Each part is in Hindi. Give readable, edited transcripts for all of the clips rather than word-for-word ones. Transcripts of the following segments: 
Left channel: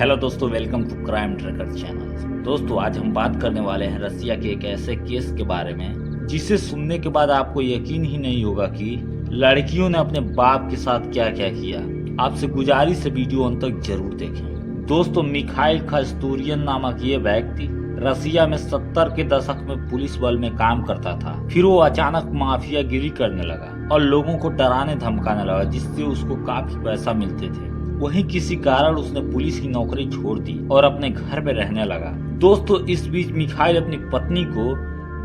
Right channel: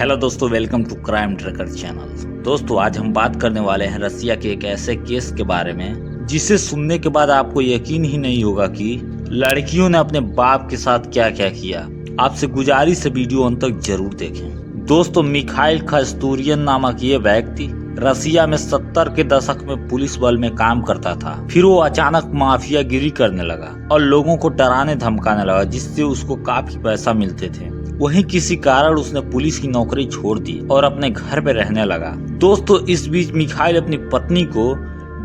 हेलो दोस्तों, welcome to crime tracker channel. दोस्तों, आज हम बात करने वाले हैं रसिया के एक ऐसे केस के बारे में जिसे सुनने के बाद आपको यकीन ही नहीं होगा कि लड़कियों ने अपने बाप के साथ क्या क्या किया। आपसे गुजारिश है वीडियो अंत तक जरूर देखें। दोस्तों, मिखाइल खस्तूरियन नामक ये व्यक्ति रसिया में 70 के दशक में पुलिस बल में काम करता था। फिर वो अचानक माफियागिरी करने लगा और लोगों को डराने धमकाने लगा, जिससे उसको काफी पैसा मिलते थे। वहीं किसी कारण उसने पुलिस की नौकरी छोड़ दी और अपने घर पे रहने लगा। दोस्तों, इस बीच मिखाइल अपनी पत्नी को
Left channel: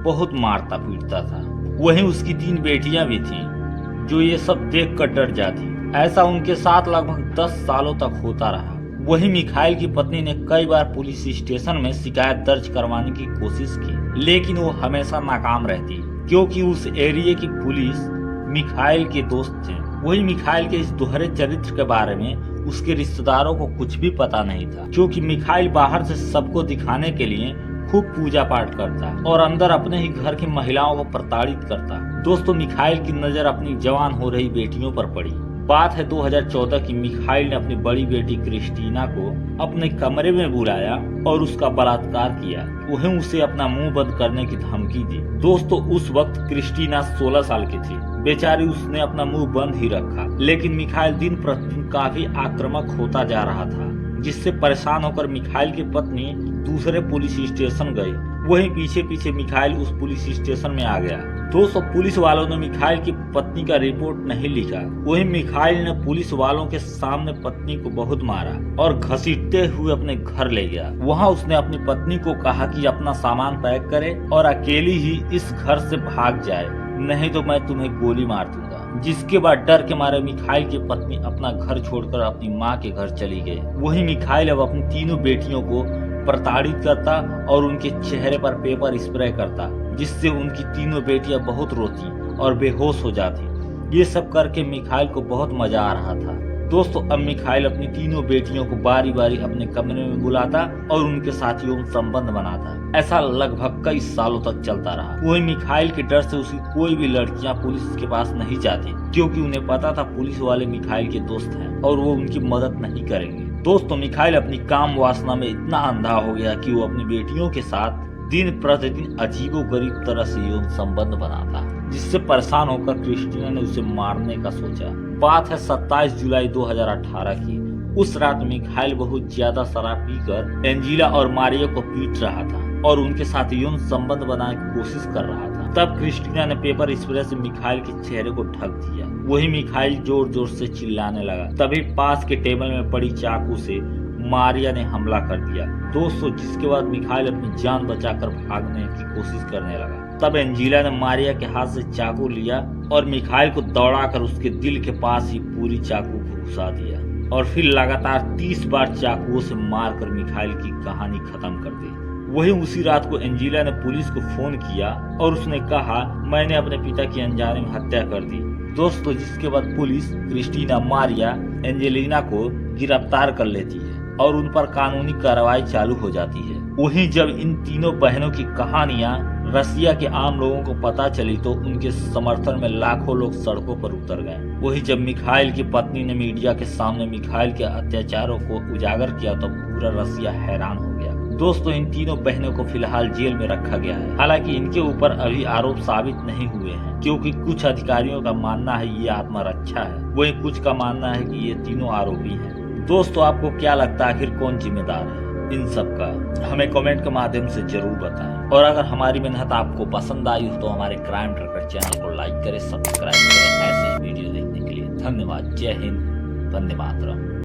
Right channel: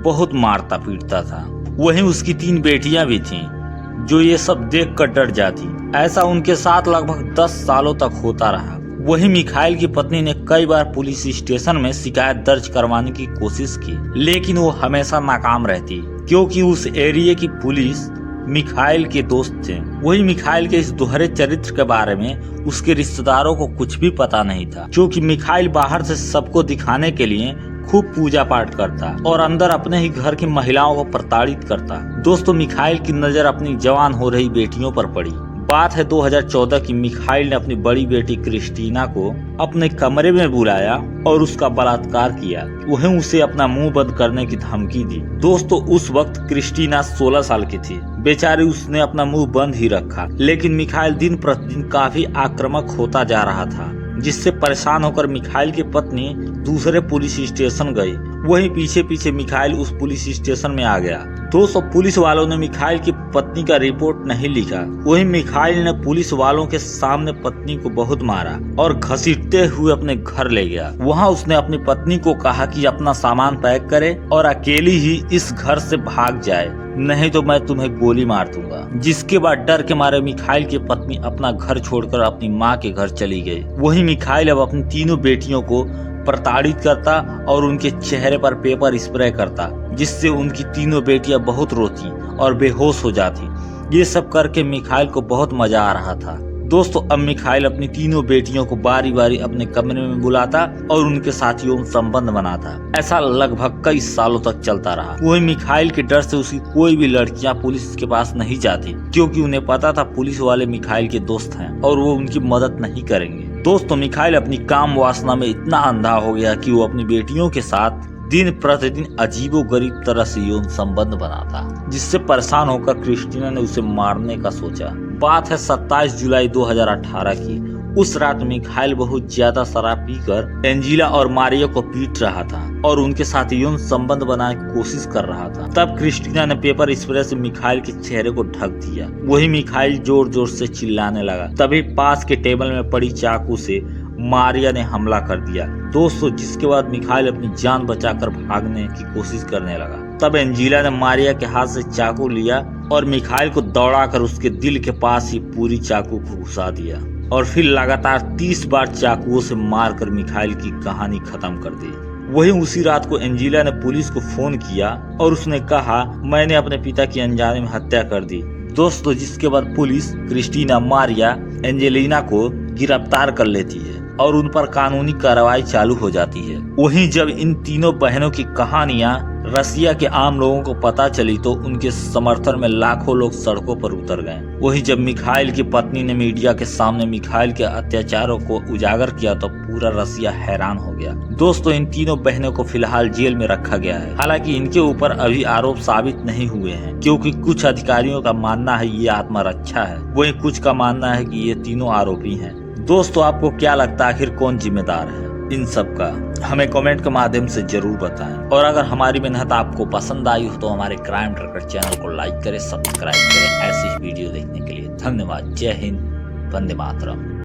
बहुत मारता पीटता था। वहीं उसकी 3 बेटियां भी थीं, जो ये सब देख कर डर जाती। ऐसा उनके साथ लगभग 10 सालों तक होता रहा। वहीं मिखाइल की पत्नी ने कई बार पुलिस स्टेशन में शिकायत दर्ज करवाने की कोशिश की, लेकिन वो हमेशा नाकाम रहती, क्योंकि उस एरिया की पुलिस मिखाइल के दोस्त थे। वही मिखाइल के इस दोहरे चरित्र के बारे में उसके रिश्तेदारों को कुछ भी पता नहीं था, क्योंकि मिखाइल बाहर से सबको दिखाने के लिए खूब पूजा पाठ करता और अंदर अपने ही घर की महिलाओं को प्रताड़ित करता। दोस्तों, मिखाइल की नजर अपनी जवान हो रही बेटियों पर पड़ी। बात है 2014 की। मिखाइल ने अपनी बड़ी बेटी क्रिस्टीना को अपने कमरे में बुलाया और उसका बलात्कार किया। वहीं उसे अपना मुंह बंद करने की धमकी दी। दोस्तों, उस वक्त क्रिस्टीना 16 साल की थी। बेचारी उसने अपना मुंह बंद ही रखा, लेकिन मिखाइल दिन प्रतिदिन काफी आक्रामक होता जा रहा था, जिससे परेशान होकर मिखाइल की पत्नी दूसरे पुलिस स्टेशन गई। वहीं पीछे पीछे मिखाइल उस पुलिस स्टेशन में आ गया। दोस्तों, पुलिस वालों ने मिखाइल की पत्नी का रिपोर्ट नहीं लिखा। वहीं मिखाइल ने पुलिस वालों के सामने पत्नी को बहुत मारा और घसीटते हुए अपने घर ले गया। वहां उसने अपनी पत्नी को कहा कि अपना सामान पैक करे और अकेली ही इस घर से भाग जाए, नहीं तो मैं तुम्हें गोली मार दूंगा। जिसके बाद डर के मारे मिखाइल की पत्नी अपना घर छोड़कर अपनी मां के घर चली गई। वहीं मिखाइल अब अपनी तीनों बेटियों को प्रताड़ित करता और उनके चेहरे पर पेपर स्प्रे करता, जिससे उनकी तीनों बेटियां बहुत रोती और बेहोश हो जाती। ये सब करके मिखाइल को बहुत मजा आ रहा था। दोस्तों, अब मिखाइल अपनी तीनों बेटियों को बारी बारी अपने कमरे में बुलाता और उनके साथ यौन संबंध बनाता। ऐसा लगभग कई सालों तक चलता रहा। वही मिखाइल के डर से उसकी कोई भी लड़कियां पुलिस के पास नहीं जाती, क्योंकि उन्हें पता था पुलिस वाले मिखाइल के दोस्त हैं और वो उनकी मदद नहीं करेंगे। दोस्तों, मिखाइल अपनी काम वासना में इतना अंधा हो गया कि वो अपनी बेटियों के साथ दिन प्रतिदिन अजीबोगरीब तरह से यौन संबंध बनाता, जिससे परेशान होकर क्रिस्टीना ने उसे मारने का सोचा। बात है 27 जुलाई 2018 की। उस रात मिखाइल बहुत ज्यादा शराब पीकर एंजिला और मारिया को पीट रहा था और उनके साथ यौन संबंध बनाने की कोशिश कर रहा था। तब क्रिस्टीना ने पेपर स्प्रे से मिखाइल के चेहरे को ढक दिया। वही मिखाइल जोर जोर से चिल्लाने लगा। तभी पास के टेबल में पड़ी चाकू से मारिया ने हमला कर दिया। दोस्तों, जिसके बाद मिखाइल अपनी जान बचाकर भागने की कोशिश करने लगा। तब एंजिला ने मारिया के हाथ से चाकू लिया और मिखाइल को दौड़ाकर उसके दिल के पास ही पूरी चाकू को घुसा दिया और फिर लगातार 30 बार चाकुओं से मारकर मिखाइल की कहानी खत्म कर दी। वहीं उसी रात को एंजिला ने पुलिस को फोन किया और उसने कहा, मैंने अपने पिता की अनजाने में हत्या कर दी। दोस्तों, जिसके बाद पुलिस क्रिस्टीना, मारिया, एंजेलिना को गिरफ्तार कर लेती है और उन पर कानूनी कार्रवाई चालू हो जाती है। वहीं जब इन तीनों बहनों की कहानियां रसिया के आम लोगों को पता चली तो उनके समर्थन में लाखों लोग सड़कों पर उतर गए। वहीं जब मिखाइल की पत्नी ने मीडिया के सामने मिखाइल के अत्याचारों को उजागर किया तो पूरा रसिया हैरान हो गया। दोस्तों, इन तीनों बहनों को फिलहाल जेल में रखा गया है। हालांकि इनके ऊपर अभी आरोप साबित नहीं हुए हैं, क्योंकि कुछ अधिकारियों का मानना है ये आत्मरक्षा है, वहीं कुछ का मानना है कि ये तीनों आरोपी हैं। दोस्तों, आपको क्या लगता है आखिर कौन जिम्मेदार है इन सब का? हमें कमेंट के माध्यम से जरूर बताएं। और अगर हमारी मेहनत आपको पसंद आई हो तो हमारे क्राइम ट्रैकर चैनल को लाइक करें, सब्सक्राइब करें। ऐसी वीडियो देखने के लिए धन्यवाद। जय हिंद, वंदे मातरम।